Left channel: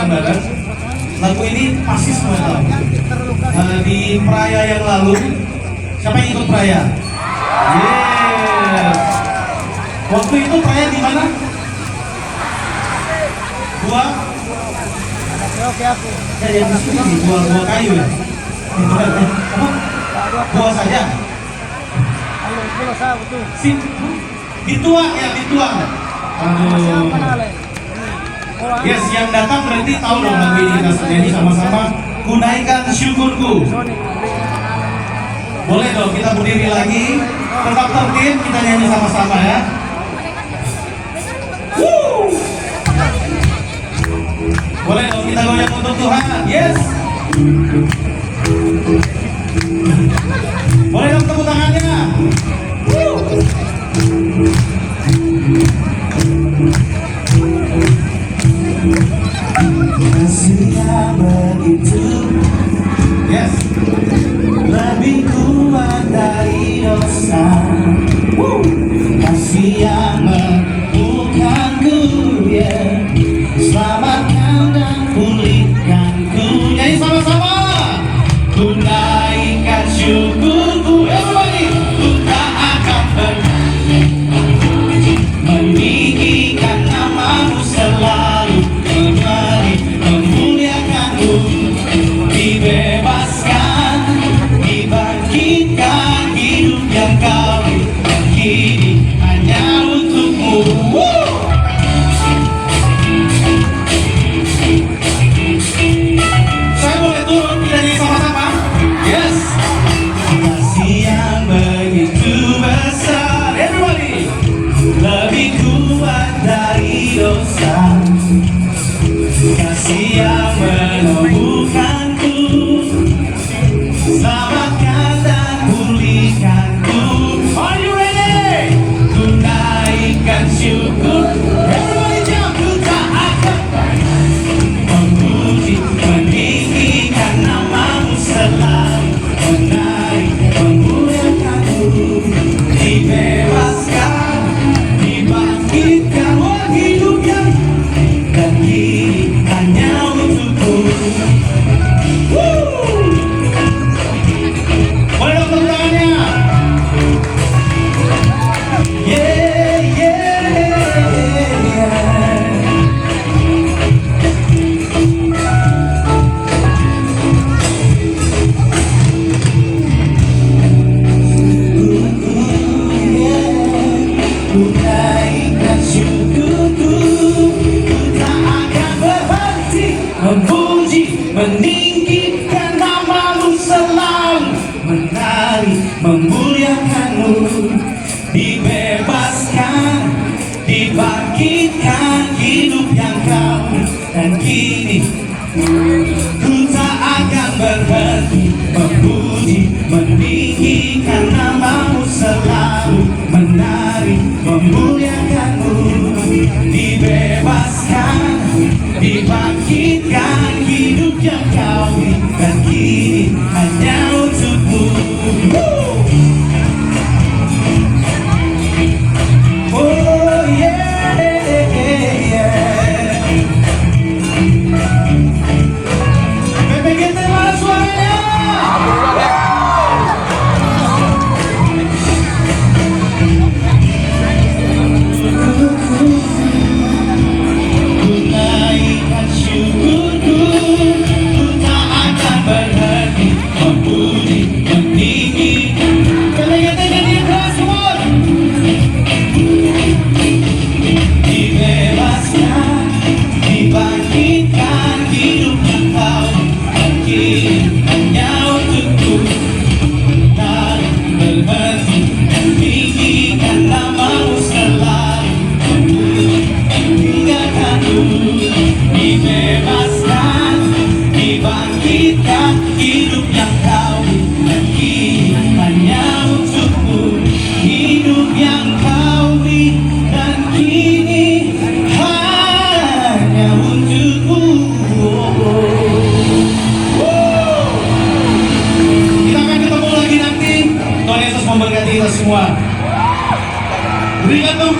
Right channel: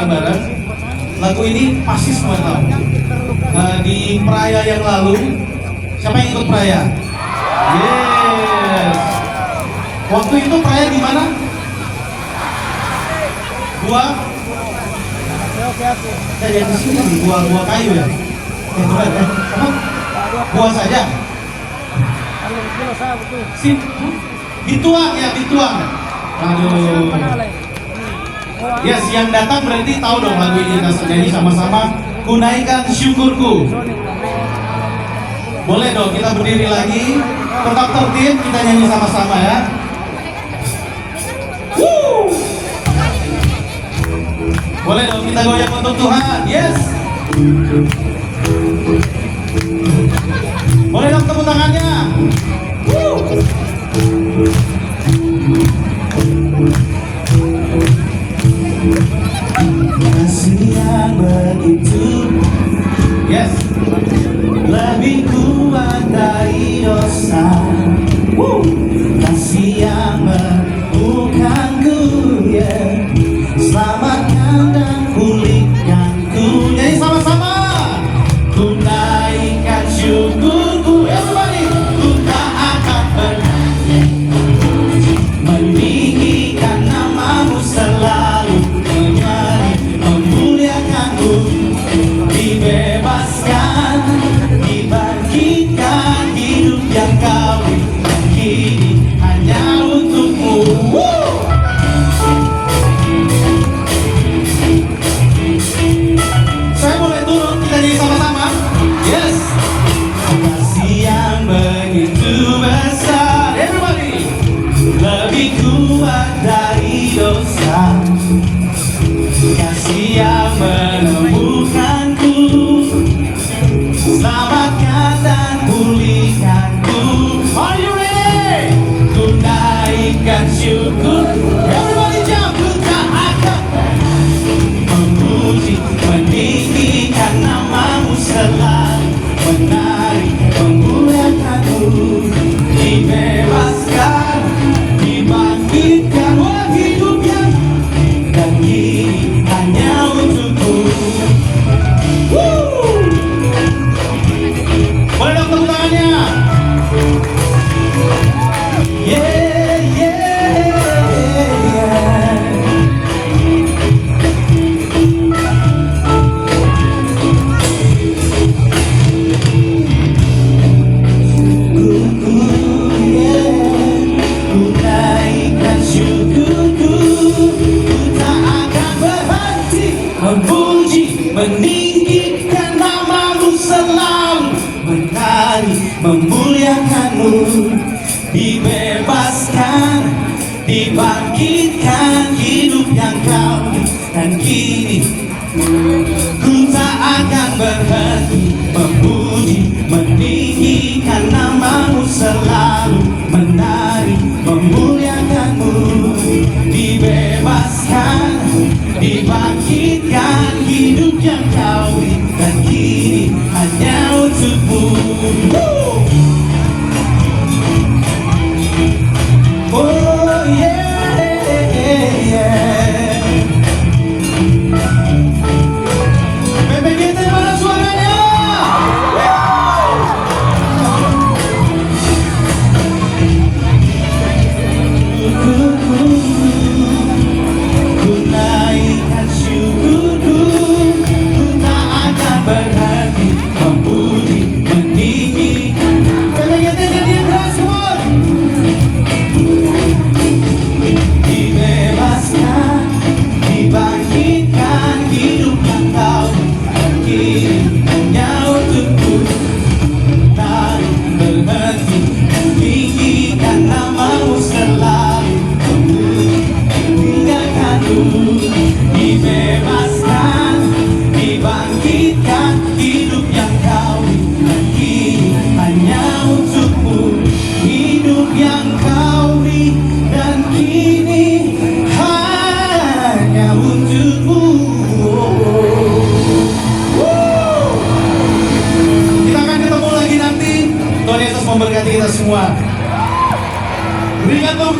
bareng-bareng. Lagu ini pasti semua tahu. Di Praya yang lalu, siapa yang ikut Praya? Yes. Waktu itu Praya di mana? Gua. Yang di sini nih, gua kayu ya. Apa? Gua saja. Sip. Dituang ya, dituang. Aduh. Yes, yang datang berarti tahu dong lagu ini kita nyanyi sama-sama. Kunaikan syukurku. Boleh dong kita berdiri lagi. Tetap tertib, kita nyanyi sama-sama ya. Boleh dong kita goyang untuk Tuhan. Yes. Boleh dong tepuk tangannya. Kasih yang begitu, yes, lebih kuat dari dosa. Kasih yang menemukanku, ya, selamatkan dan pulihkanku. Nyanyi sama-sama. Ku naikkan syukurku, everybody. Ku tak akan meninggikan namamu selalu, memuliakanmu, dibebaskan, dibangkitkan, hidup yang kau kini hanya untukmu. Saya boleh turun, kita nyanyi sama-sama. Yes. Kasih yang begitu besar, everybody, lebih kuat dari dosa. Kasih yang menemukanku, selamatkan dan pulihkanku. Are you ready? Ku naikkan syukur, everybody jump. Ku tak akan memuji, meninggikan namamu selalu, menari, memuliakanmu, dibebaskan, dibangkitkan, oh hidup yang dan kini hanya untukmu. Boleh dong tepuk tangannya. Yeah, yeah, yeah. Ku naikkan syukurku, ku tak akan berhenti memuji, meninggikan namamu selalu, menari, memuliakanmu, dibebaskan, dibangkitkan, hidup yang kau dan kini